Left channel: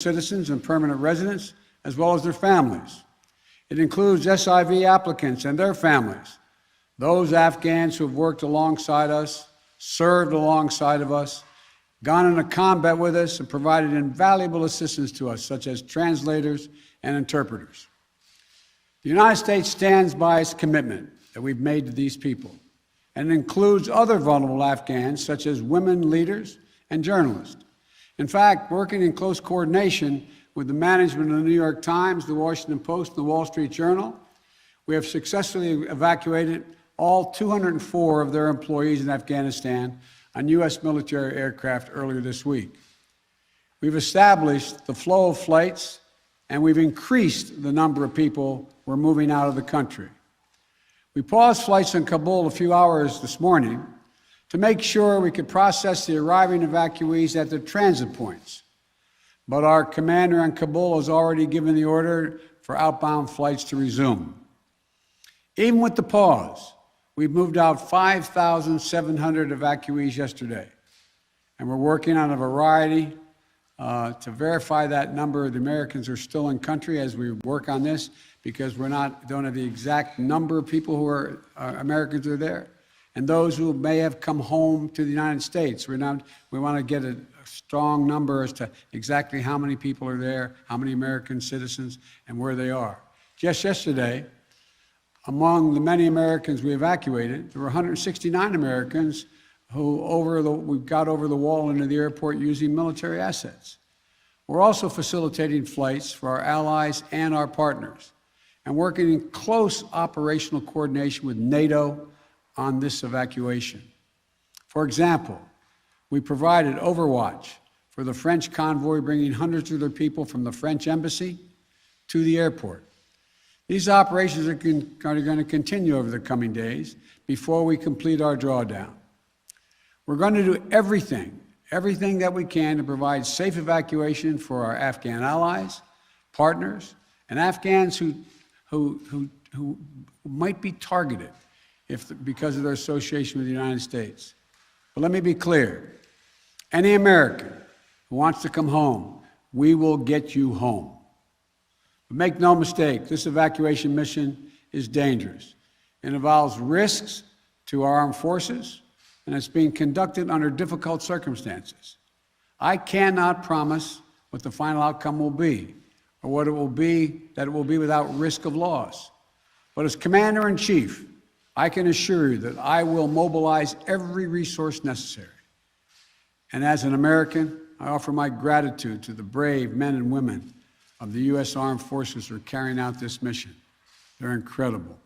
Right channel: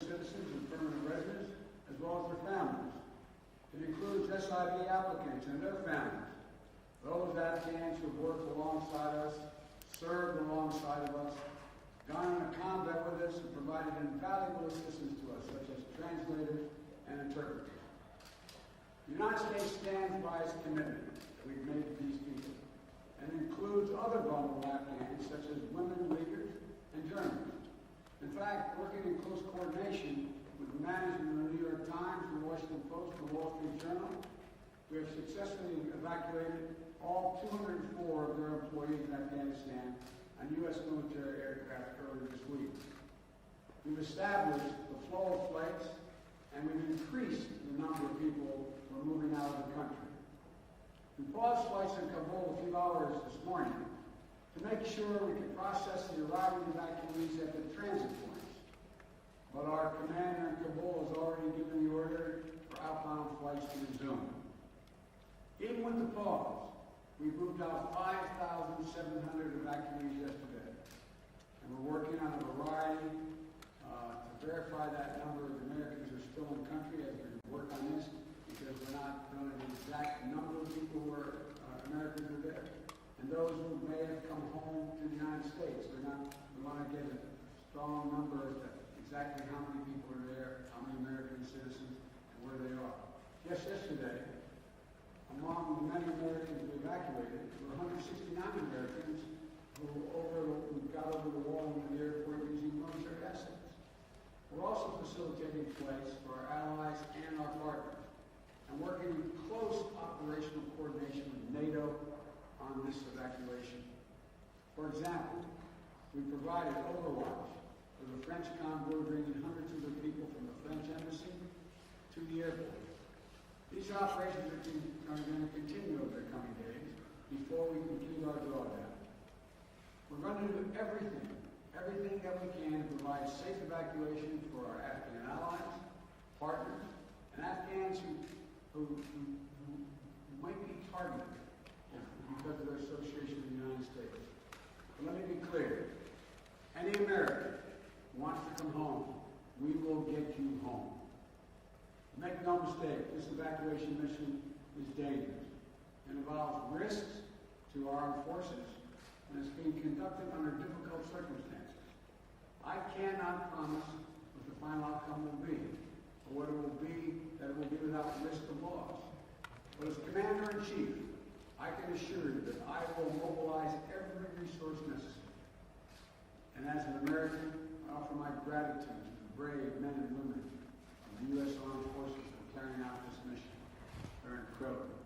citizens and permanent residents, as well as their families. It includes SIV applicants and their families, those Afghans who have worked alongside us, served alongside of us, gone into combat with us, and provided invaluable assistance to us, such as translators and interpreters. The United States stands by its commitment that we've made to these people, and it includes other vulnerable Afghans, such as women leaders and journalists. In fact, working in close coordination with the management of the New York Times, the Washington Post, and the Wall Street Journal, we have successfully evacuated all 204 of their employees in Afghanistan on U.S. military aircraft earlier this week. We've established the flow of flights, and we've increased the number of people we're moving out of the country. We paused flights in Kabul a few hours this morning to make sure we could process the arriving evacuees at their transit points. But our commander in Kabul has already given the order for outbound flights to resume. Even with the pause, we've moved out 5,700 evacuees yesterday. And we're working on a variety to verify that number of the Americans who are still in country as we work on this, because don't have the exact number of people who are Americans who are there, and those who may have come home to the United States. We want to get a strong number as to exactly how many people are there, how many American citizens, and where they are. Just yesterday, among the many Americans we evacuated, there were 169 Americans who we got over the wall into the airport using military assets. We're also facilitating flights for our allies and our partners, and working in close operational coordination with NATO on this evacuation. For example, we provided overwatch for the French convoy bringing hundreds of their people from the French embassy to the airport. These operations are going to continue over the coming days before we complete our drawdown. We're going to do everything that we can to provide safe evacuation for our Afghan allies, partners, and Afghans who might be targeted because of their association with the United States. But let me be clear. Any American who wants to come home, we will get you home. But make no mistake, this evacuation mission is dangerous. It involves risks to our armed forces, and it's being conducted under difficult circumstances. I cannot promise what the final outcome will be, or what it will be, that it will be without risk of loss. But as Commander-in-Chief, I can assure you that I will mobilize every resource necessary. And as an American, I offer my gratitude to the brave men and women of the U.S. Armed Forces who are carrying out this mission. They're incredible.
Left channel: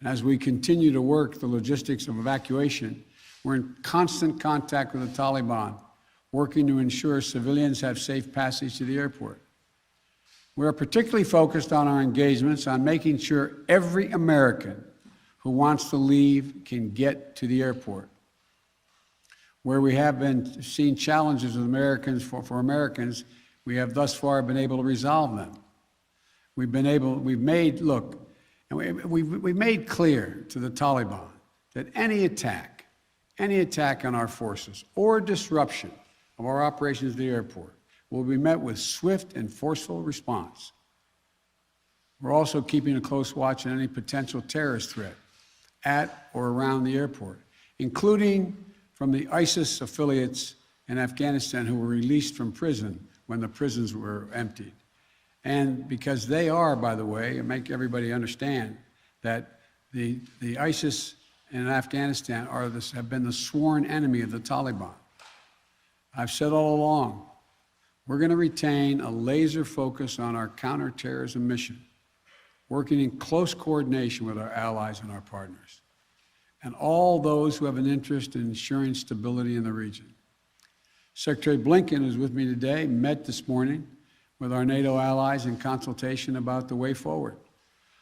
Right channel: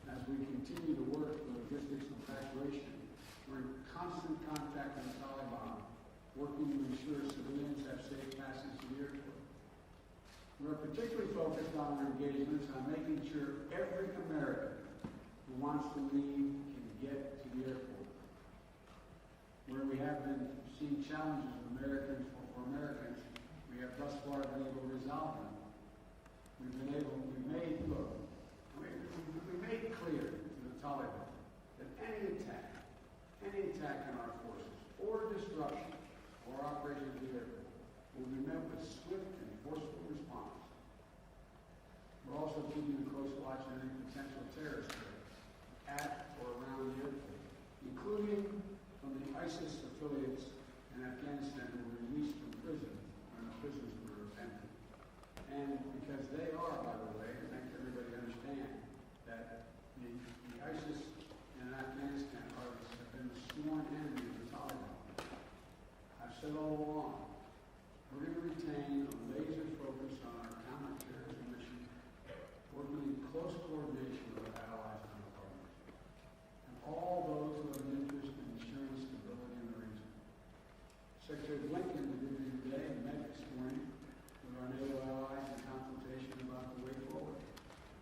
And as we continue to work the logistics of evacuation, we're in constant contact with the Taliban, working to ensure civilians have safe passage to the airport. We are particularly focused on our engagements on making sure every American who wants to leave can get to the airport. Where we have been seeing challenges with Americans, for Americans, we have thus far been able to resolve them. We've made clear to the Taliban that any attack on our forces or disruption of our operations at the airport will be met with swift and forceful response. We're also keeping a close watch on any potential terrorist threat at or around the airport, including from the ISIS affiliates in Afghanistan who were released from prison when the prisons were emptied. And because they are, by the way, and make everybody understand that the ISIS in Afghanistan have been the sworn enemy of the Taliban. I've said all along, we're going to retain a laser focus on our counterterrorism mission, working in close coordination with our allies and our partners, and all those who have an interest in ensuring stability in the region. Secretary Blinken, who's with me today, met this morning with our NATO allies in consultation about the way forward,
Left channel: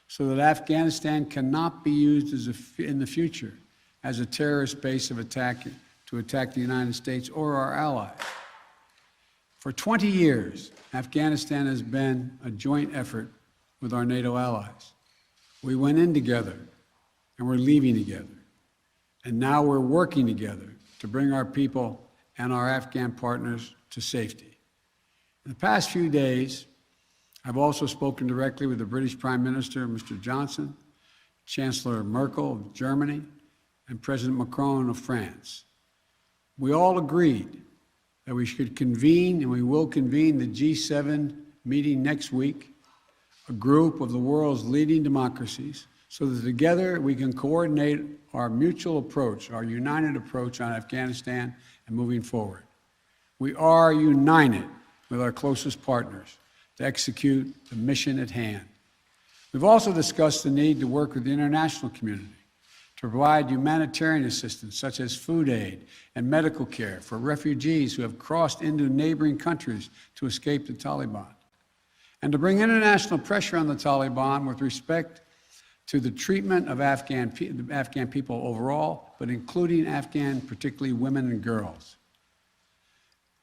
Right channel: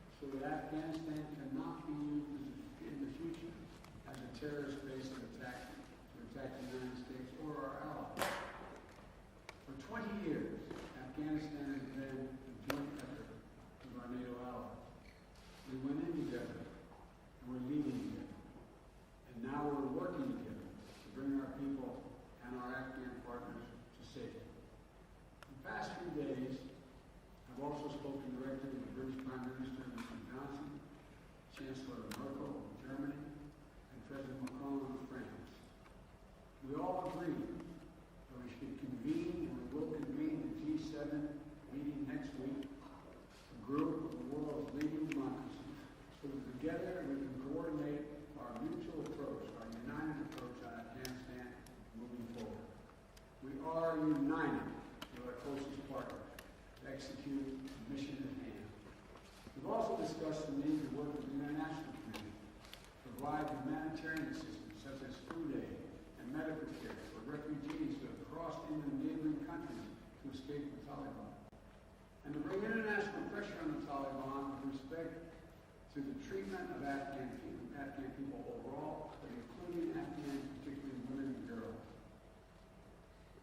so that Afghanistan cannot be used in the future as a terrorist base to attack the United States or our allies. For 20 years, Afghanistan has been a joint effort with our NATO allies. We went in together, and we're leaving together. And now we're working together to bring our people and our Afghan partners to safety. In the past few days, I've also spoken directly with the British Prime Minister, Mr. Johnson, Chancellor Merkel of Germany, and President Macron of France. We all agreed that we should convene, and we will convene, the G7 meeting next week, a group of the world's leading democracies, so that together we can coordinate our mutual approach, our united approach on Afghanistan and moving forward. We are united with our closest partners to execute the mission at hand. We've also discussed the need to work with the international community to provide humanitarian assistance, such as food aid and medical care for refugees who have crossed into neighboring countries to escape the Taliban, and to bring international pressure on the Taliban with respect to the treatment of Afghan people overall, but including Afghan, particularly women and girls.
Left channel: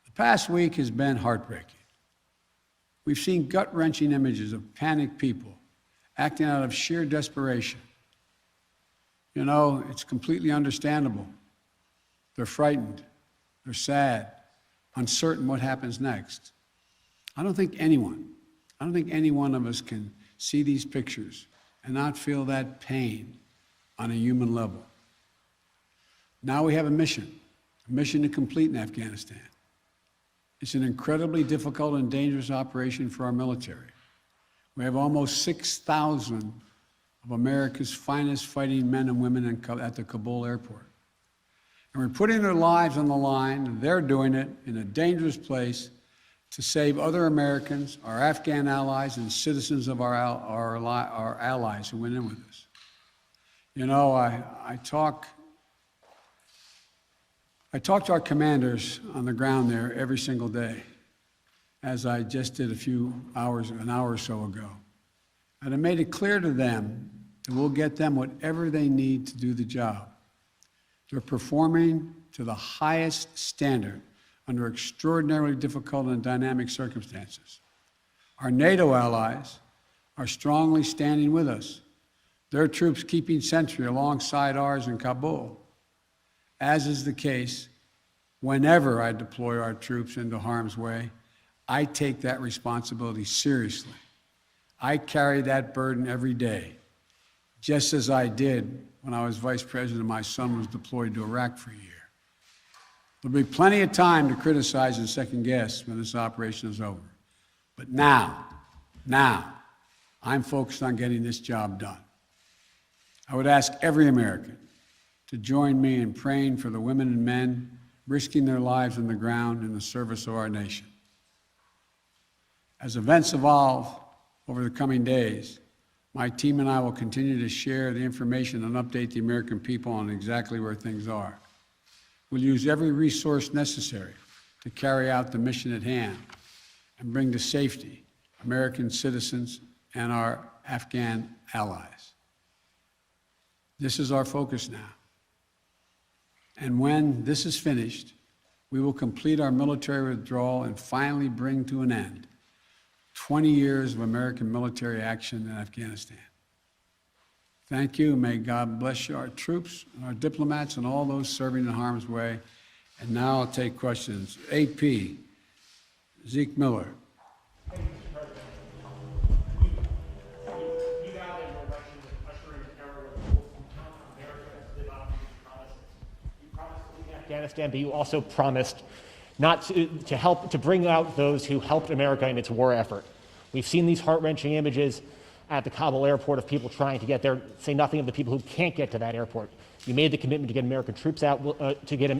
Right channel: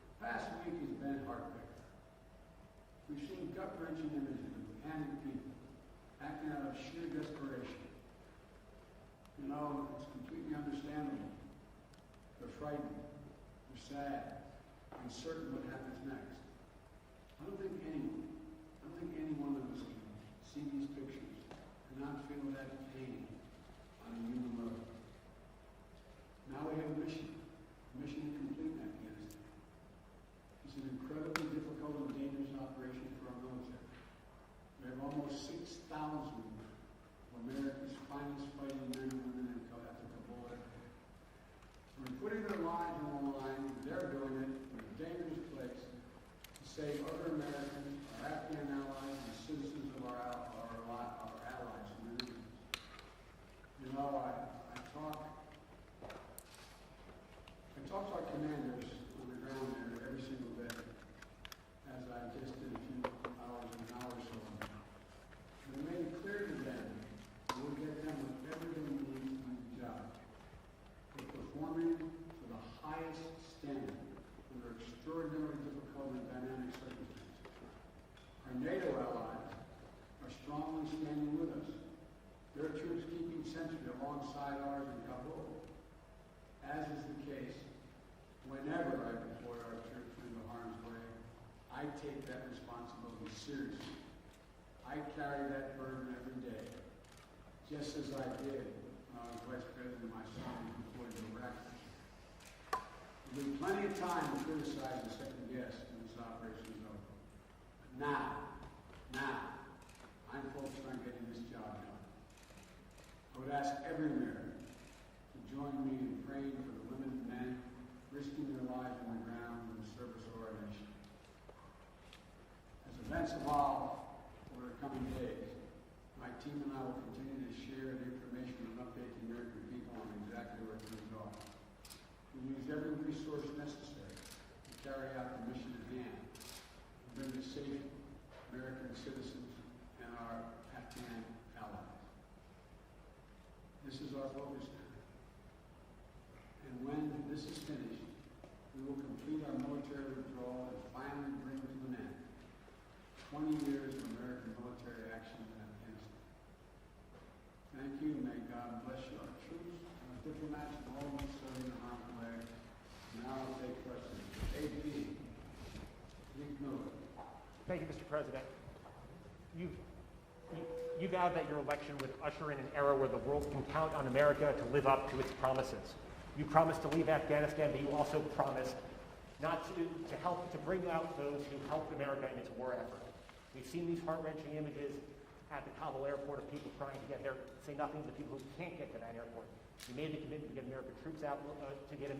The past week has been heartbreaking. We've seen gut-wrenching images of panicked people acting out of sheer desperation. You know, it's completely understandable. They're frightened, they're sad, uncertain what happens next. I don't think any one of us can see these pictures and not feel that pain on a human level. Now we have a mission to complete in Afghanistan. It's an incredibly difficult and dangerous operation for our military. We have almost 6,000 of America's finest fighting men and women at the Kabul airport. And we're putting their lives on the line, and they're doing it in a dangerous place to save other Americans, our Afghan allies, and citizens of our allies who went in with us. You know, I talk to our commanders on the ground there every single day, as I just did an hour or so ago. And I made it clear to them that we'll get them whatever they need to do the job. They're performing to the highest standard under extraordinarily difficult and dynamic circumstances. Our NATO allies are strongly standing with us, their troops keeping sentry alongside ours in Kabul, as is the case whenever I deploy our troops into harm's way. I take that responsibility seriously. I carry that burden every day, just as I did when I was vice president. My son was deployed to Iraq for a year. There'll be plenty of time to criticize and second guess when this operation is over. But now, I'm focused on getting this job done. I would ask every American to join me in praying for the women and men risking their lives on the ground in the service of our nation. As events evolve over the coming days, my team and I will continue to share the information and update the American people on exactly where things are. We'll use every resource necessary to carry out the mission at hand and bring to safety American citizens and our Afghan allies. This is our focus now. And when this is finished, we will complete our military withdrawal and finally bring to an end 20 years of American military action in Afghanistan. Thank you. May God bless you, our troops, our diplomats, and all those serving in harm's way. And now I'll take questions. AP, Zeke Miller. Thank you, Mr. President. You vowed that your election would usher in an era where the world can count on America to live up to its promises. You promised to leave Afghanistan, but you also promised not to help to bring out those who helped America in its war effort. We've seen these heart-wrenching images at the Kabul airport of people trying to get there, say nothing of the people who can't get to that airport. You made the commitment to get American troops out, to get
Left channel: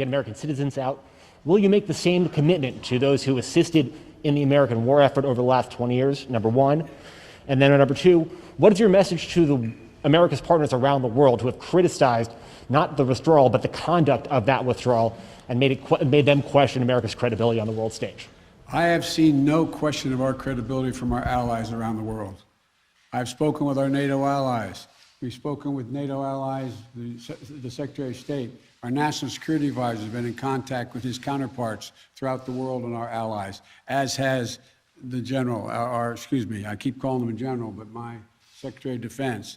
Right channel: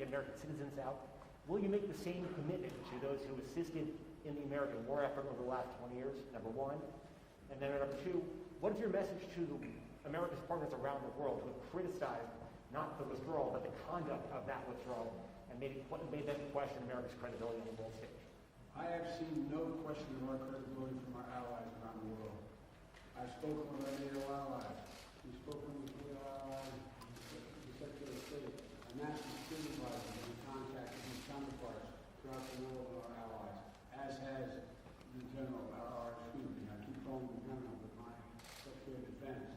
American citizens out. Will you make the same commitment to those who assisted in the American war effort over the last 20 years, number one? And then number two, what is your message to America's partners around the world who have criticized not the withdrawal, but the conduct of that withdrawal and made them question America's credibility on the world stage? I have seen no question of our credibility from our allies around the world. I've spoken with our NATO allies. We've spoken with NATO allies, the Secretary of State. Our National Security Advisor has been in contact with his counterparts throughout the world and our allies, as has the General, I keep calling him a General, but my Secretary of Defense.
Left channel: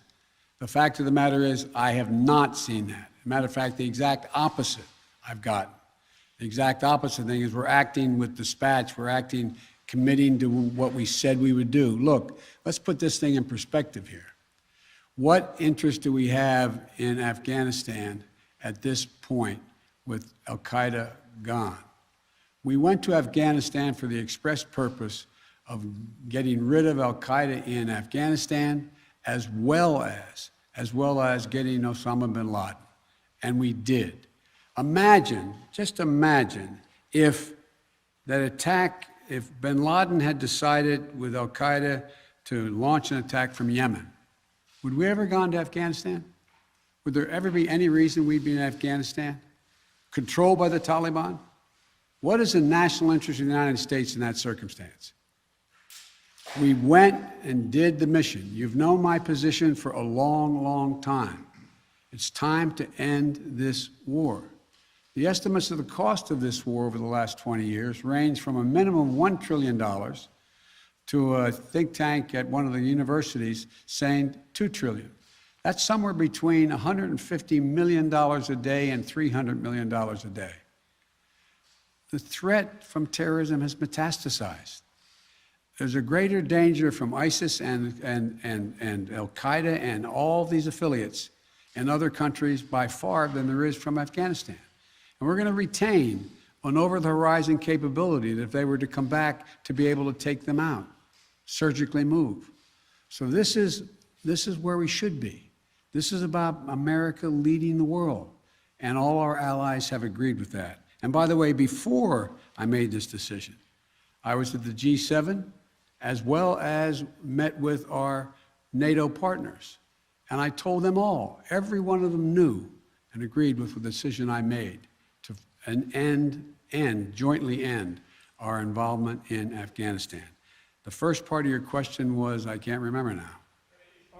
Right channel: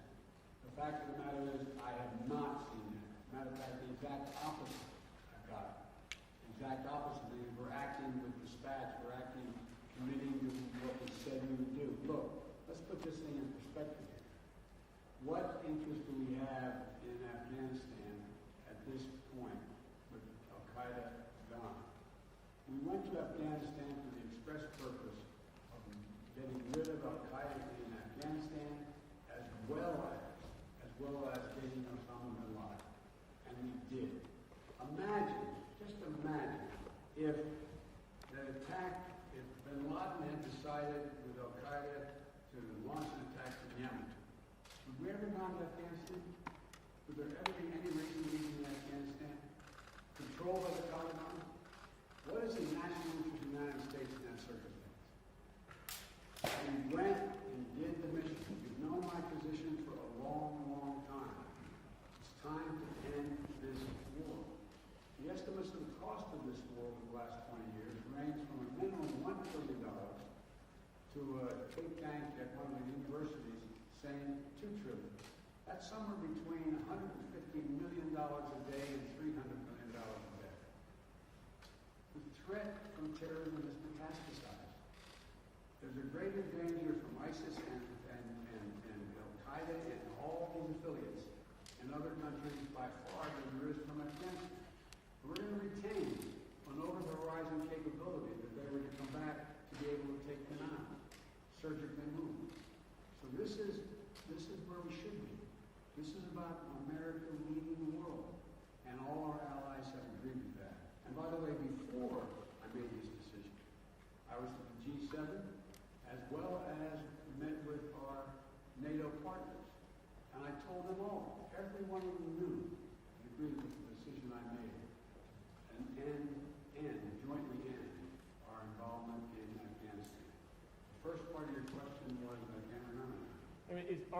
The fact of the matter is, I have not seen that. As a matter of fact, the exact opposite I've gotten. The exact opposite thing is we're acting with dispatch, we're acting committing to what we said we would do. Look, let's put this thing in perspective here. What interest do we have in Afghanistan at this point with al-Qaeda gone? We went to Afghanistan for the express purpose of getting rid of al-Qaeda in Afghanistan, as well as getting Osama bin Laden. And we did. Imagine, just imagine, if that attack, if bin Laden had decided with al-Qaeda to launch an attack from Yemen, would we ever gone to Afghanistan? Would there ever be any reason we'd be in Afghanistan? Controlled by the Taliban? What is the national interest of the United States in that circumstance? We went and did the mission. You've known my position for a long, long time. It's time to end this war. The estimates of the cost of this war over the last 20 years range from a minimum of $1 trillion to a think tank at one of the universities saying $2 trillion. That's somewhere between $150 million a day and $300 million a day. The threat from terrorism has metastasized. There's a greater danger from ISIS and al-Qaeda and all these affiliates in other countries by far than there is from Afghanistan. And we're going to retain an over-the-horizon capability that if they were to come back to be able to take them out, surgically move. So this is where we should be. This is about America leading the world, and all our allies have agreed with that. And by the way, before I made this decision, I was at the G7, as well as met with our NATO partners. And I told them all, every one of them knew and agreed with the decision I made to jointly end our involvement in Afghanistan. The first part of your question was, I can't remember now.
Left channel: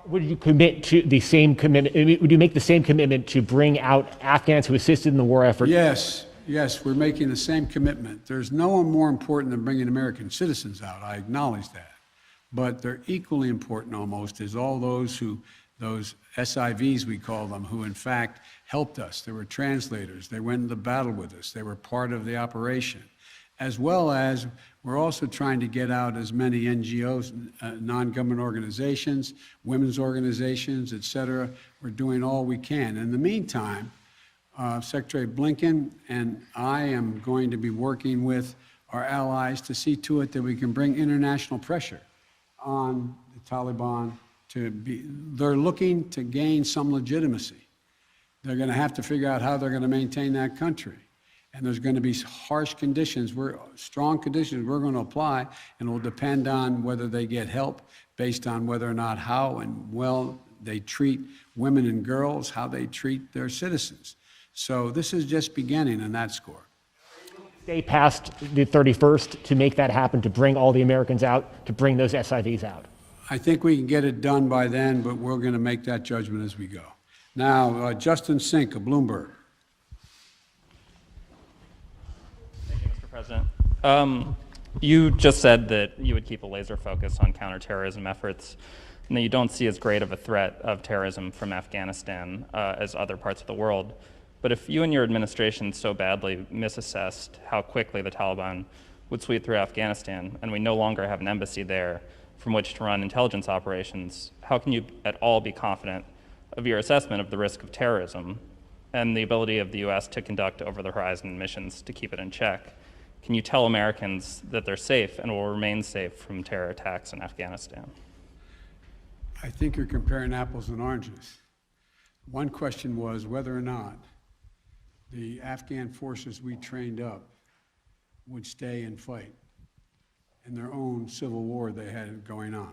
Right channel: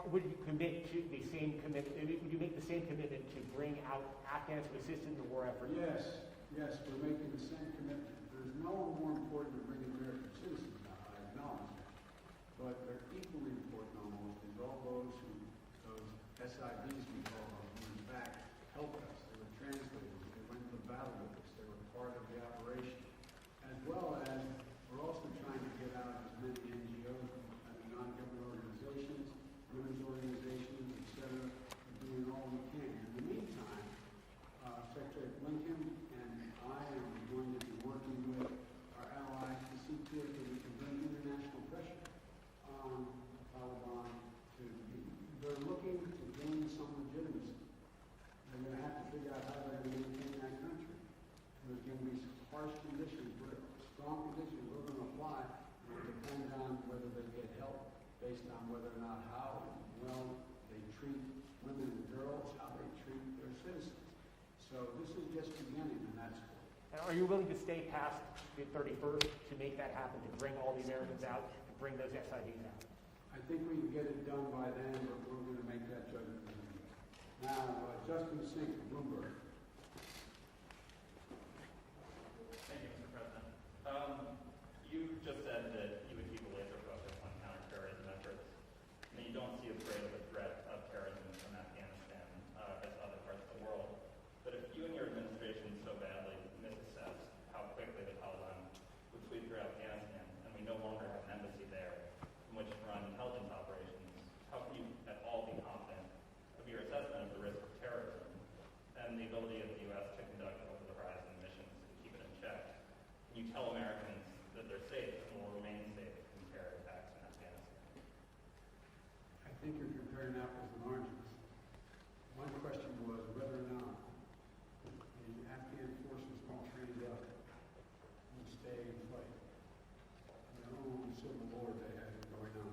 Would you commit to the same commitment? Would you make the same commitment to bring out Afghans who assisted in the war effort? Yes, we're making the same commitment. There's no one more important than bringing American citizens out. I acknowledge that. But they're equally important almost as all those SIVs, we call them, who in fact helped us. They were translators. They went into battle with us. They were part of the operation. As well as we're also trying to get out as many NGOs, non-government organizations, women's organizations, et cetera. We're doing all we can. In the meantime, Secretary Blinken and I am going to be working with our allies to see to it that we can bring international pressure on the Taliban they're looking to gain some legitimacy. They're going to have to figure out how they're going to maintain that country. And there's going to be harsh conditions, strong conditions we're going to apply, and it will depend on whether they get help based on whether or not how and well they treat women and girls, how they treat their citizens. So this is just beginning on that score. Are you willing to stay past the 31st to make that happen, to bring all the Americans out, to bring those SIVs out? I think we can get it done by then, but we're going to make that judgment as we go. Now, Justin Sink of Bloomberg. Thank you, Mr. President. You just said that you would keep a laser focus on counterterrorism efforts, and that you don't see as great of a threat of terrorism from Afghanistan as other parts of the world. But if you and your administration so badly misassessed how quickly the Taliban would sweep through Afghanistan, and we no longer have an embassy there from which to run intelligence operations, how can you at all be confident of your assessment of the risk of terrorism and the ability of the U.S. to conduct over-the-horizon missions to keep it in check? Can you tell Americans that they're safe and will remain safe from terror attacks in Afghanistan? I think you're comparing apples and oranges. One question was whether or not the Afghan forces we trained up would stay and fight in their own civil war they had going on.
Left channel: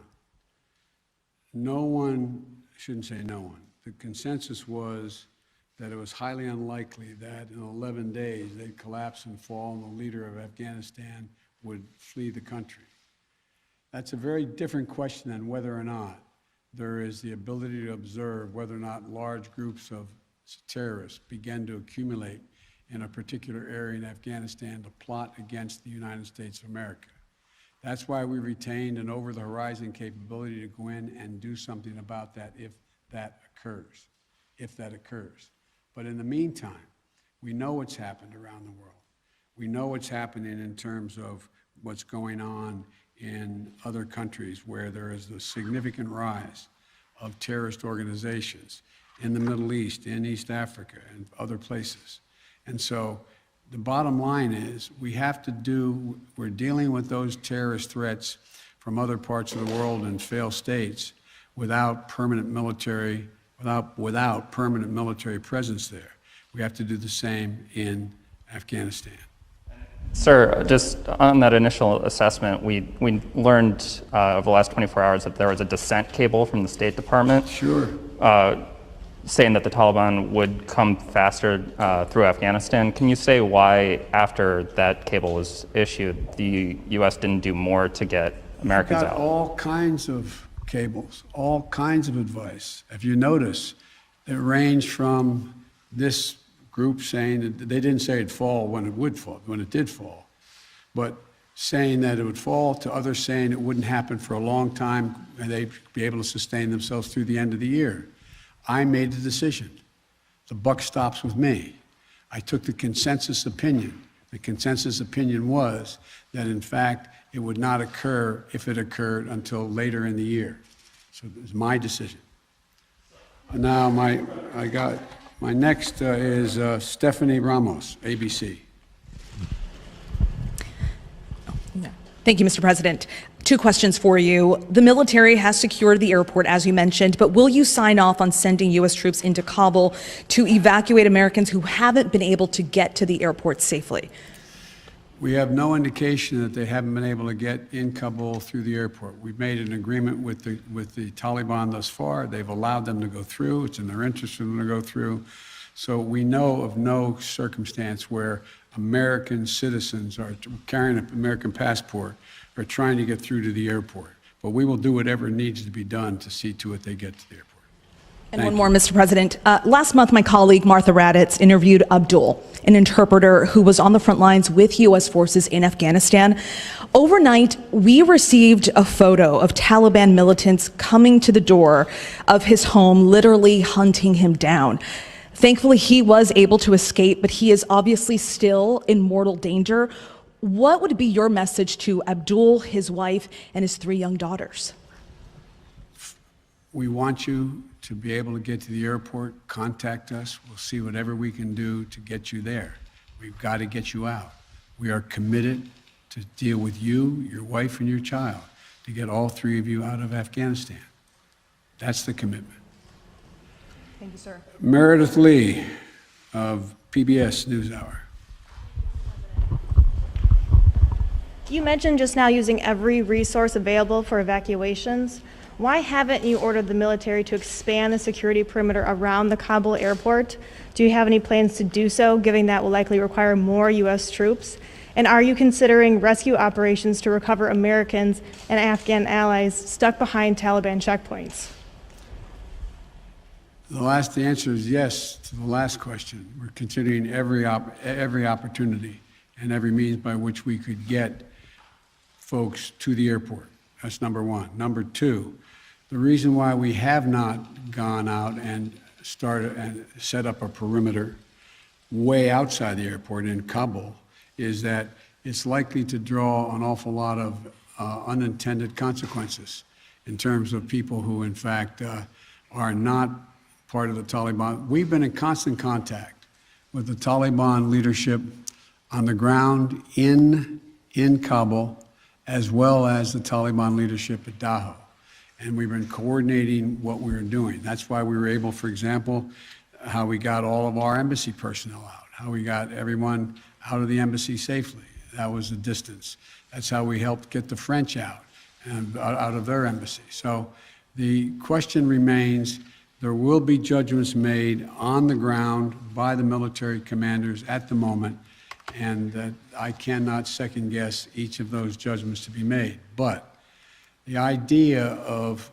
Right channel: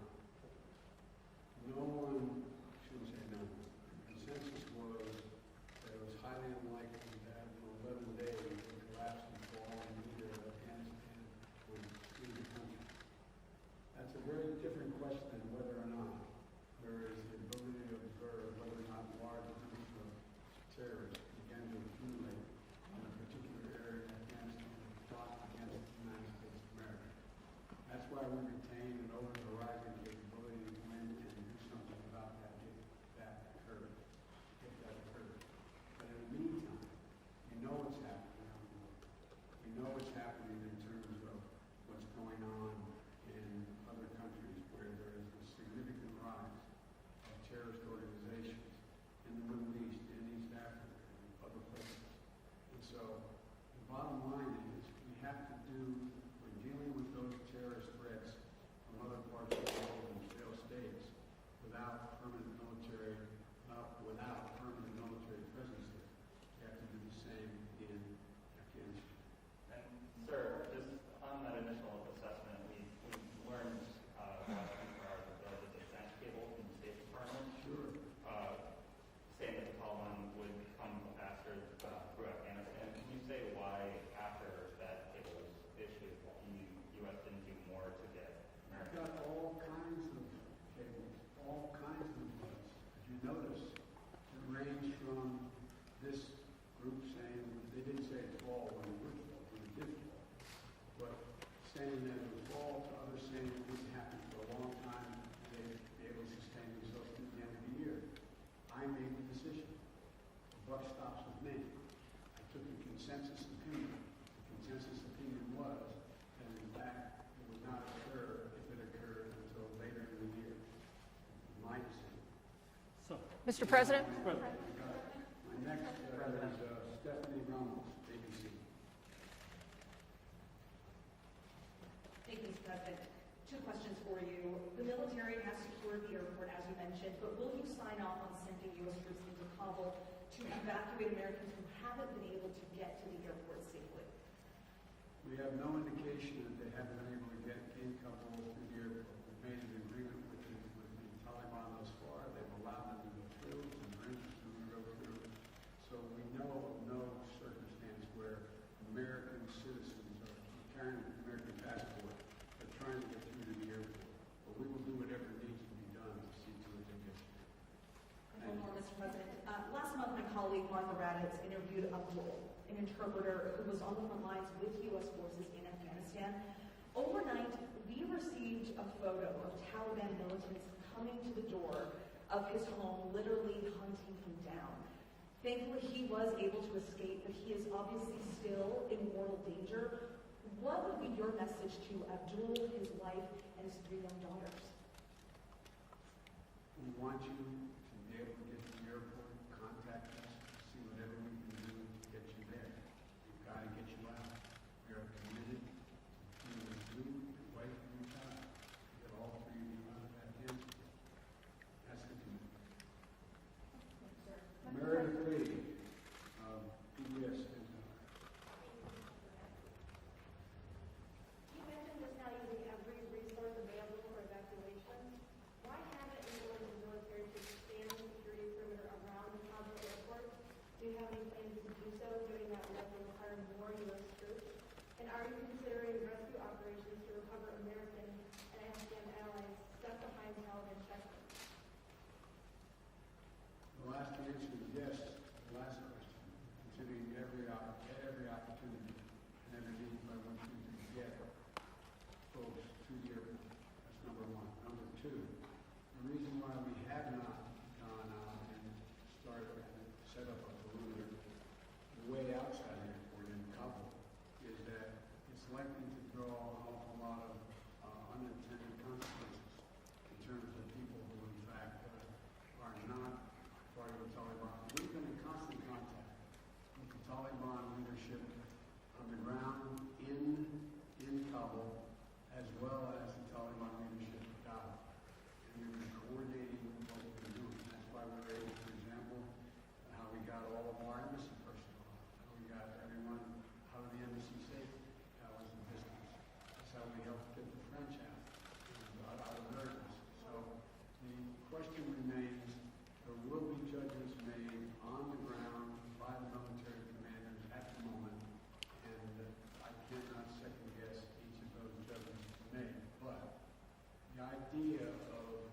No one, I shouldn't say no one, the consensus was that it was highly unlikely that in 11 days they'd collapse and fall and the leader of Afghanistan would flee the country. That's a very different question than whether or not there is the ability to observe whether or not large groups of terrorists begin to accumulate in a particular area in Afghanistan to plot against the United States of America. That's why we retained an over-the-horizon capability to go in and do something about that if that occurs. But in the meantime, we know what's happened around the world. We know what's happening in terms of what's going on in other countries where there is a significant rise of terrorist organizations in the Middle East, in East Africa, and other places. And so the bottom line is we're dealing with those terrorist threats from other parts of the world and failed states without permanent military presence there. We have to do the same in Afghanistan. Sir, just on that initial assessment, we learned over the last 24 hours that there was a dissent cable from the State Department. Sure. Saying that the Taliban would come faster through Afghanistan. Can you say why, after that cable was issued, the U.S. didn't do more to get Americans Got out? all kinds of cables, all kinds of advice. If you notice, it ranged from this group saying that they didn't say it'd fall when it would fall, when it did fall, but saying that it would fall, to others saying it wouldn't happen for a long time and they'd be able to sustain themselves through the end of the year. I made the decision. The buck stops with me. I took the consensus opinion. The consensus opinion was that, in fact, it would not occur, if it occurred, until later in the year. So it was my decision. Now, my next is Stephanie Ramos, ABC. Thank you, Mr. President. 2 questions for you. The military has secured the airport, as you mentioned, but will you sign off on sending U.S. troops into Kabul to evacuate Americans who haven't been able to get to the airport safely? We have no indication that they haven't been able to get in Kabul through the airport. We've made an agreement with the Taliban thus far. They've allowed them to go through. It's in their interest for them to go through. So we know of no circumstance where American citizens are carrying an American passport are trying to get through to the airport. But we will do whatever needs to be done to see to it they get to the airport. And one more, Mr. President. Last month, my colleague Martha Raddatz interviewed Abdul, an interpreter who was on the front lines with U.S. forces in Afghanistan. Overnight, we received a photo of Taliban militants coming to the door of his home, literally hunting him down. Thankfully, he was able to escape, but he is obviously still in mortal danger. What would be your message to Abdul, his wife, and his 3 young daughters? We want you to be able to get to the airport. Contact us. We'll see whatever we can do to get you there. We've got to get you out. We are committed to deal with you, your wife, and your child to get all 3 of you out of Afghanistan. That's the commitment. Thank you, sir. Meredith Lee of PBS NewsHour. You mentioned just now using every resource available for evacuations. Why haven't you ordered the military to expand the security perimeter around the Kabul airport? Do you have any plans to do so, given that will likely require more U.S. troops? And are you considering rescue operations to recover Americans and Afghan allies stuck behind Taliban checkpoints? The answer is yes to the last question. We're considering every opportunity and every means by which we could get folks to the airport. That's number 1. Number 2, the reason why we have not gone out and started and set up a perimeter way outside the airport in Kabul is that it's likely to draw an awful lot of unintended consequences in terms of people who, in fact, are not part of the Taliban. We've been in constant contact with the Taliban leadership on the ground in Kabul, as well as the Taliban leadership at Dahou. And we've been coordinating what we were doing. That's why we were able, for example, how we got all of our embassy personnel out, how we got everyone out of the embassy safely. That was the distance. That's how we helped get the French out and out of their embassy. So the question remains, there will be judgments made on the ground by the military commanders at the moment, and that I cannot second guess each of those judgments to be made. But the idea of,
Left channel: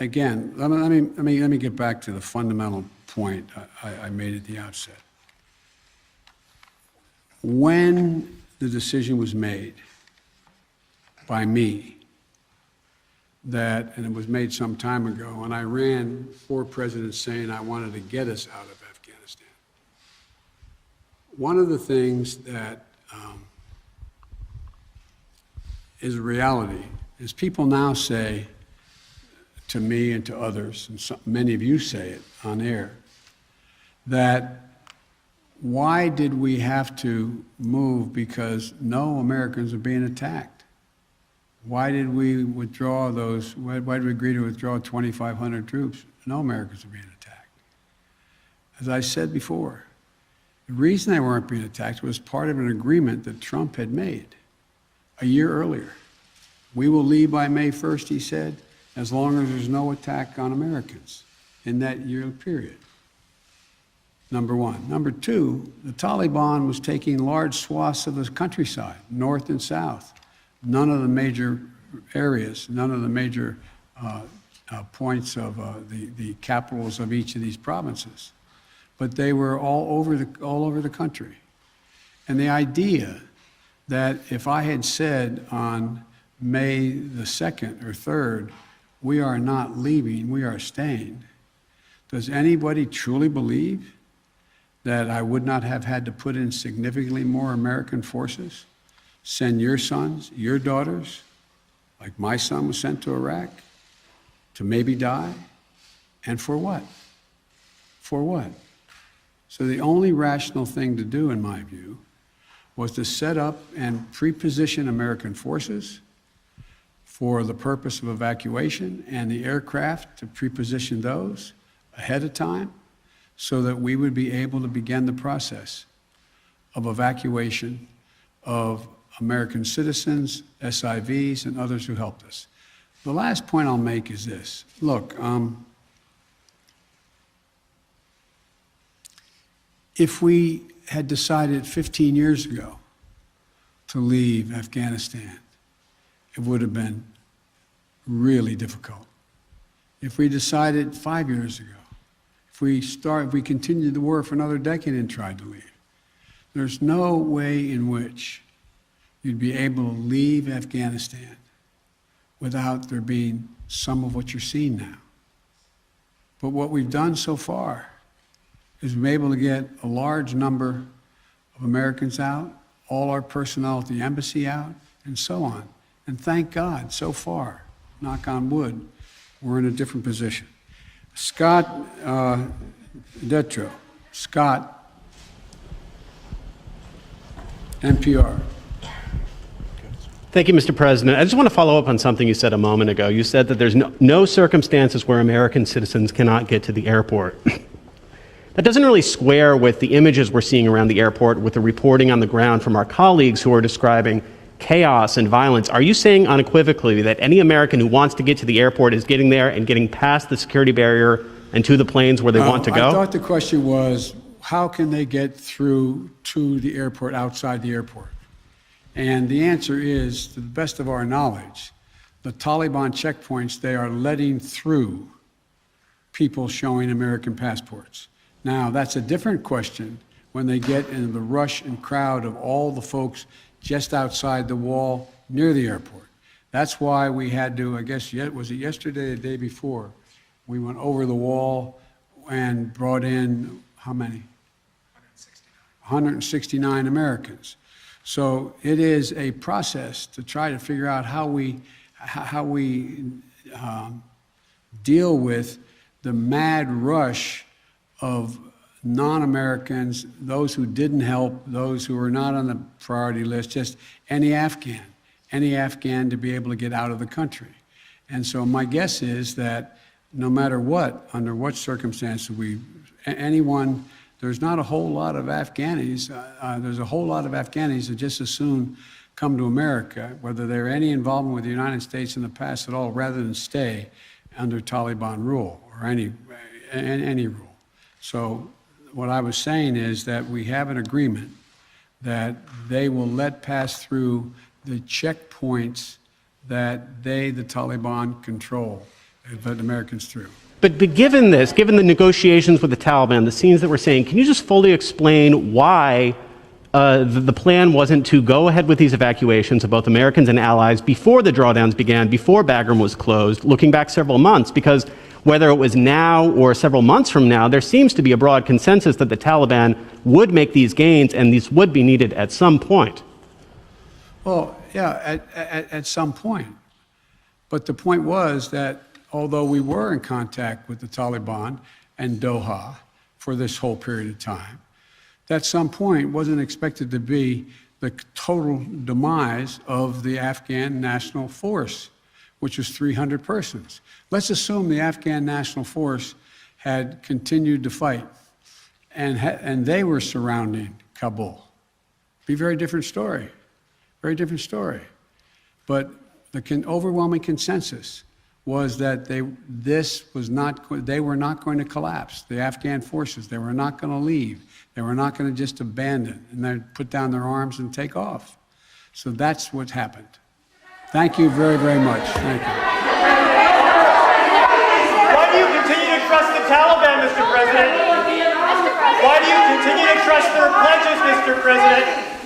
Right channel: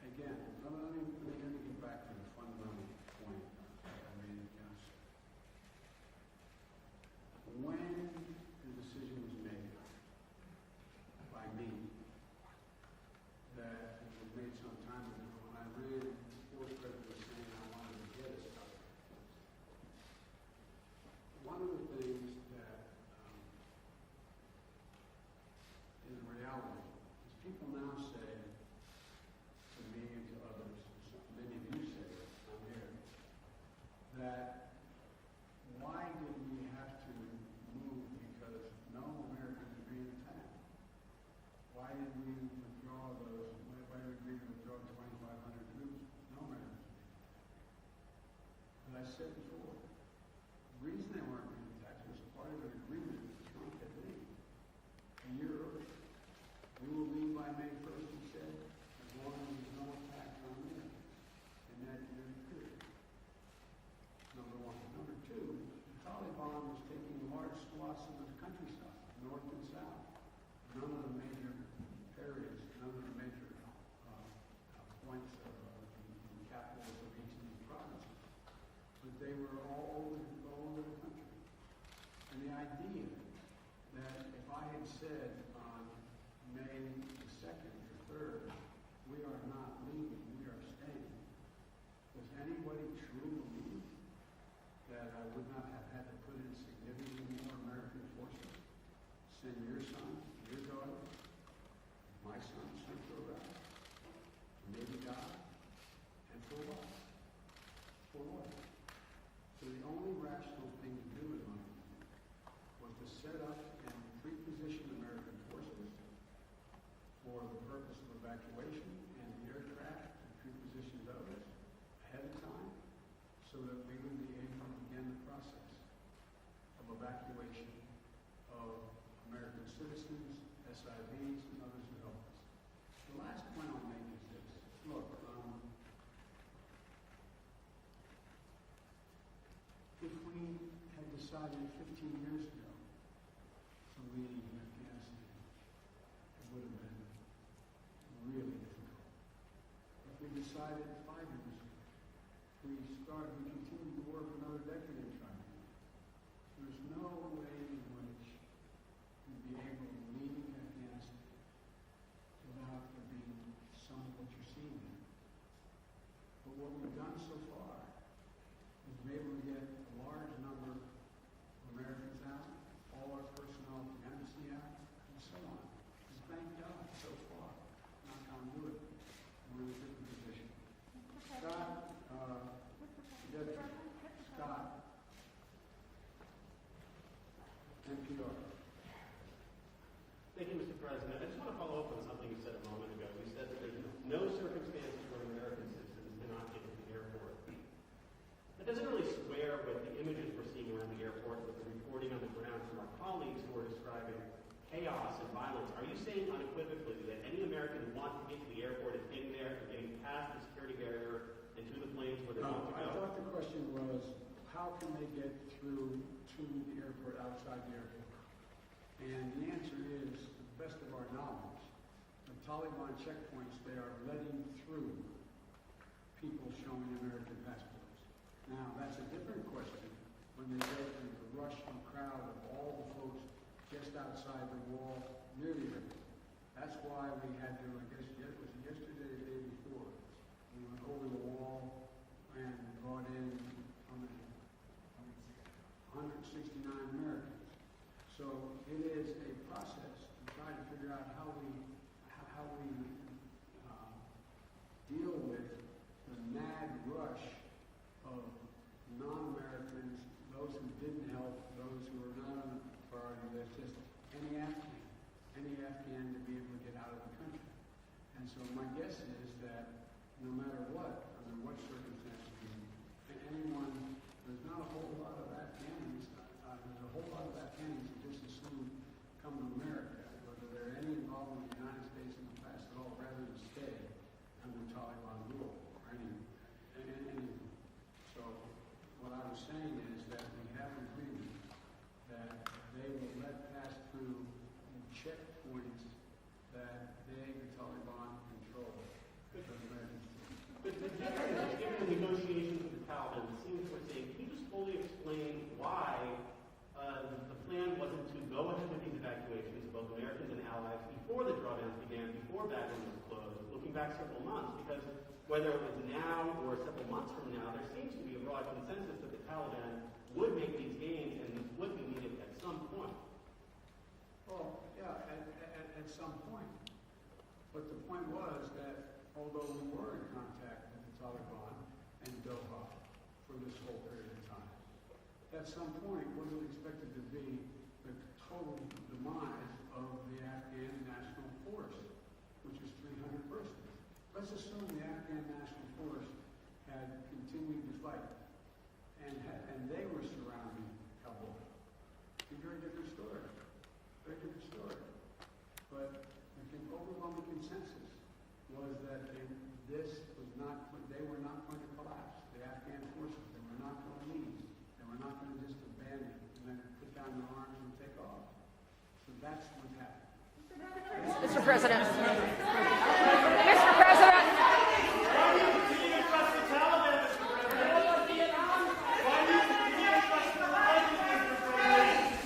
again, let me get back to the fundamental point I made at the outset. When the decision was made by me that, and it was made some time ago, and I ran 4 presidents saying I wanted to get us out of Afghanistan. One of the things that is a reality is people now say to me and to others, and many of you say it on air, that why did we have to move because no Americans are being attacked? Why did we withdraw those, why did we agree to withdraw 2,500 troops? No Americans are being attacked. As I said before, the reason they weren't being attacked was part of an agreement that Trump had made a year earlier. We will leave by May 1st, he said, as long as there's no attack on Americans in that year period. Number one. Number two, the Taliban was taking large swaths of the countryside, north and south. None of the major areas, none of the major points of the capitals of each of these provinces. But they were all over the country. And the idea that if I had said on May the 2nd or 3rd, we are not leaving, we are staying, does anybody truly believe that I would not have had to put in significantly more American forces, send your sons, your daughters, like my son was sent to Iraq, to maybe die? And for what? For what? So the only rational thing to do, in my view, was to set up and pre-position American forces for the purpose of evacuation and the aircraft to pre-position those ahead of time so that we would be able to begin the process of evacuation of American citizens, SIVs, and others who helped us. The last point I'll make is this. Look, if we had decided 15 years ago to leave Afghanistan, it would have been really difficult. If we decided 5 years ago, if we continued the war for another decade and tried to leave, there's no way in which you'd be able to leave Afghanistan without there being some of what you're seeing now. But what we've done so far is we've been able to get a large number of Americans out, all our personnel at the embassy out, and so on. And thank God, so far, knock on wood, we're in a different position. Scott Detro. Scott, NPR. Thank you, Mr. President. I just want to follow up on something you said a moment ago. You said that there's no circumstances where American citizens cannot get to the airport. That doesn't really square with the images we're seeing around the airport, with the reporting on the ground from our colleagues who are describing chaos and violence. Are you saying unequivocally that any American who wants to get to the airport is getting there and getting past the security barrier and to the planes where they want to go? I thought the question was, how can they get through to the airport outside the airport? And the answer is, to the best of our knowledge, the Taliban checkpoints, they are letting through people showing American passports. Now, that's a different question when they get into the rush and crowd of all the folks just outside the wall near the airport. That's why we had to, I guess, was it yesterday or the day before, we went over the wall and brought in, how many? 169 Americans. So it is a process to try to figure out how we deal with the mad rush of non-Americans, those who didn't help, those who were not on the priority list, just any Afghan to be able to get out of the country. And so my guess is that no matter what, under what circumstances there's not a whole lot of Afghanis, there's a whole lot of Afghanis that just as soon come to America, whether they're any involvement with the United States in the past at all, rather than stay under Taliban rule or any rule. So what I was saying is that we have an agreement that they will let pass through the checkpoints that the Taliban control, let Americans through. But given this, given the negotiations with the Taliban, the scenes that we're seeing, can you just fully explain why the plan wasn't to go ahead with these evacuations of both Americans and allies before the drawdowns began, before Bagram was closed, looking back several months? Because whether it was now or several months from now, there seems to be a broad consensus that the Taliban would make these gains and these would be needed at some point. Well, Yeah, at some point. But the point was that although we were in contact with the Taliban and Doha for this whole period of time, that some point wasn't expected to be the total demise of the Afghan National Force, which was 300 persons. Let's assume the Afghan National Force had continued to fight and they were surrounding Kabul. Be a very different story, very different story. But the overwhelming consensus was that they were not going to collapse. The Afghan forces, they were not going to leave. They were not going to just abandon and then put down their arms and take off. So that's what happened. Thank you very, very much. Thank you. Why do you continue to trust the Taliban, Mr. President? Why do you continue to trust their pledges, Mr. President?